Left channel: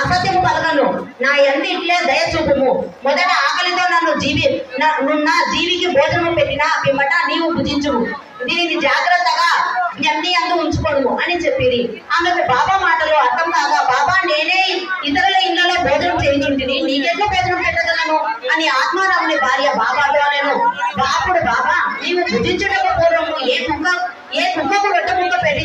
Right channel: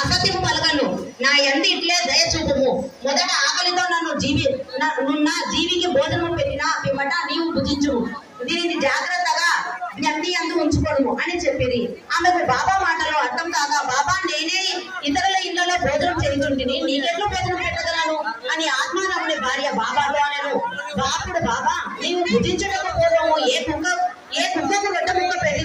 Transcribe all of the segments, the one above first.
అసత్యము పలకను. నా ఎందు ఇట్లే దయ చూపుము. మొదట ఆకలితో నన్ను జీవి నున్న జీవికి భోజనము పెట్టిన పిమ్మట నీవు భుజించుము. దీనిని జాగ్రత్తగా జ్ఞప్తి అందు ఉంచుకోను అని చెప్పిరి. ఆమెకు బాబా మాటలు అర్థం కాగా బాబా నేనే ఇతరుల ఇళ్ళలో భోజనం చేయించుంటిని. నీకెట్లు భోజనం పెట్టగలను? అని ఆత్మ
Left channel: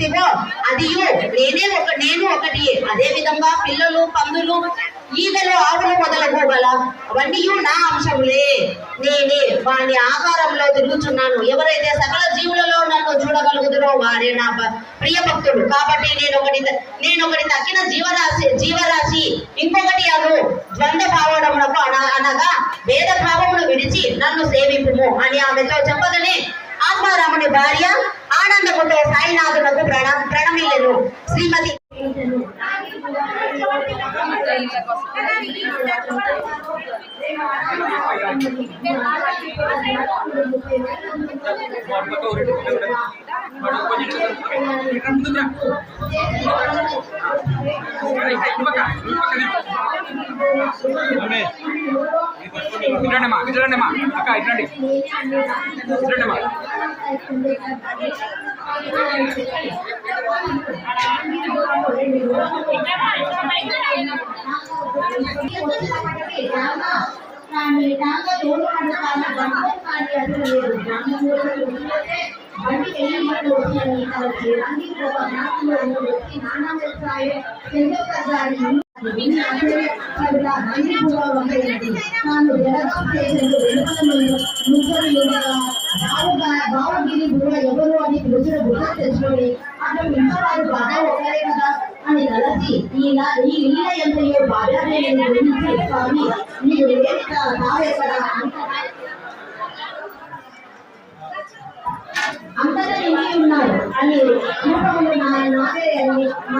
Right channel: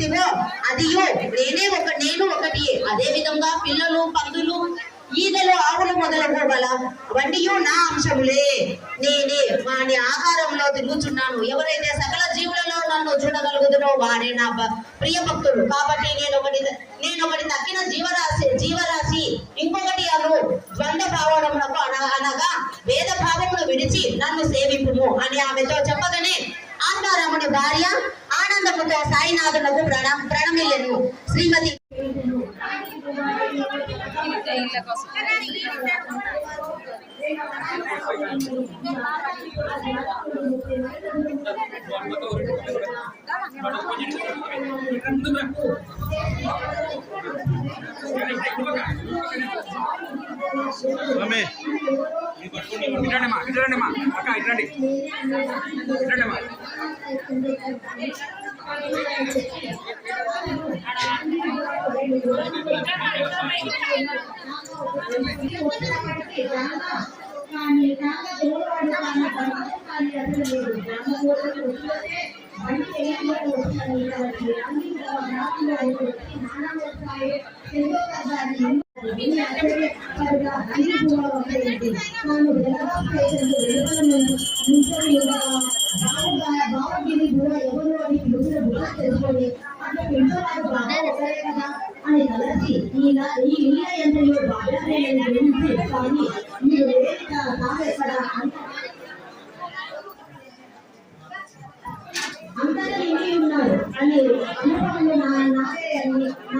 ముక్క పెడితివో నేనే ఒక నేను ఒకటి. అదే విధంగా పిల్లలు పందులు ఈగలు ఆవులు మొదలగు గల అవన్నీ నా అంశములే. నేనే వాని ఆహారంలో తిరుగుచున్నాను. ఎవరైతే సకల జీవులలో నన్ను చూడగలుగుతారో వారే నా ప్రియ భక్తుడు కాబట్టి నేను ఒకటి నేను ఒకటి తక్కిన జీవరాశి జీవరాశి. ఇంకొకటి అను ద్వంద్వ భావనమునకు అనగా భేద భావమును విడిచి నన్ను సేవింపుము అని ఆమెతో చెప్పగానే ఆత్మారాముని భార్య ఆనందముతో సాయినాథులకు ప్రణా ప్రణమిల్లెను శ్రీమతి ఇట్లండిమా ఇట్లండిమా అక్క ఇట్లండి. ఇట్లండిమా కానీ దాంట్లో తోడు పడతాను బంధం కానీ అసలు లేదు బంధం కూడా వదిలేస్తే బండి వెళ్ళినట్టు వచ్చాయి కాబట్టి అన్ని కూడా నాన్న వచ్చి నాన్న చేస్తాయి ఎంతో పెద్ద అన్ని కూడా తాను ఎవరు అని పిలిచిన గుర్తు తెచ్చుకొని అక్కడ ఇంట్లో బాగా కదా అని తలసి ఇలా ఈ ఇల్ల ఎంతయో గురించి స్వామి మీరు తావెక్కడ అంతగా నిండి ఉన్నారు అని రూపంలో నాయన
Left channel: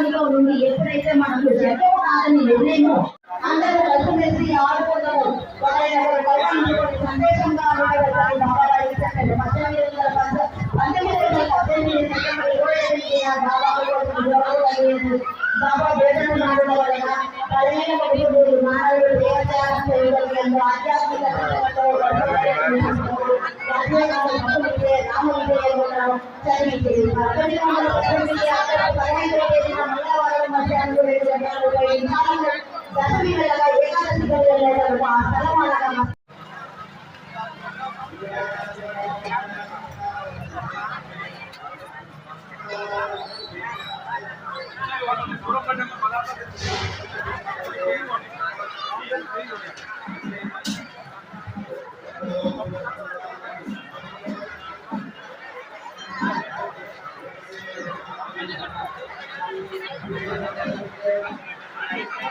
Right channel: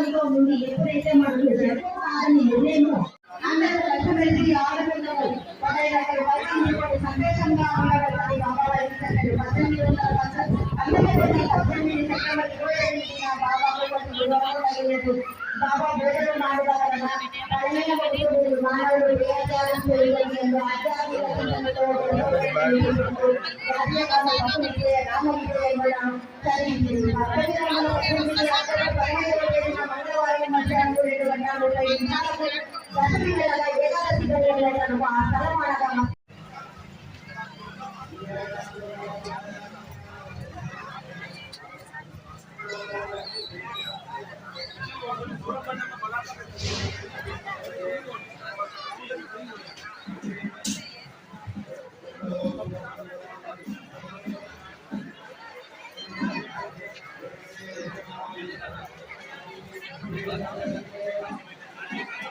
నా నుండి ఎప్పుడైతే మనం జగం కాదని నిర్ణయమో అందరూ కలిసి కలిసిమెలిసి ఆడుకుందాము సందేశంగా ఆడుకోవాలి బాబా వారి చెప్పండి వలన పదిహేను కుటుంబీకులు మానవుడు దేవత్యాగం చేయగలిగినందు ఆధ్యాత్మిక చింతనతో రాజ్యాంగంలో భక్తుడికే మధ్యాహ్నం రెండు గంటల ముప్పై నిమిషాలకు దశమి నెలగా ఏకాదశి గడియలకు ఆ స్థలం అనగా ఆ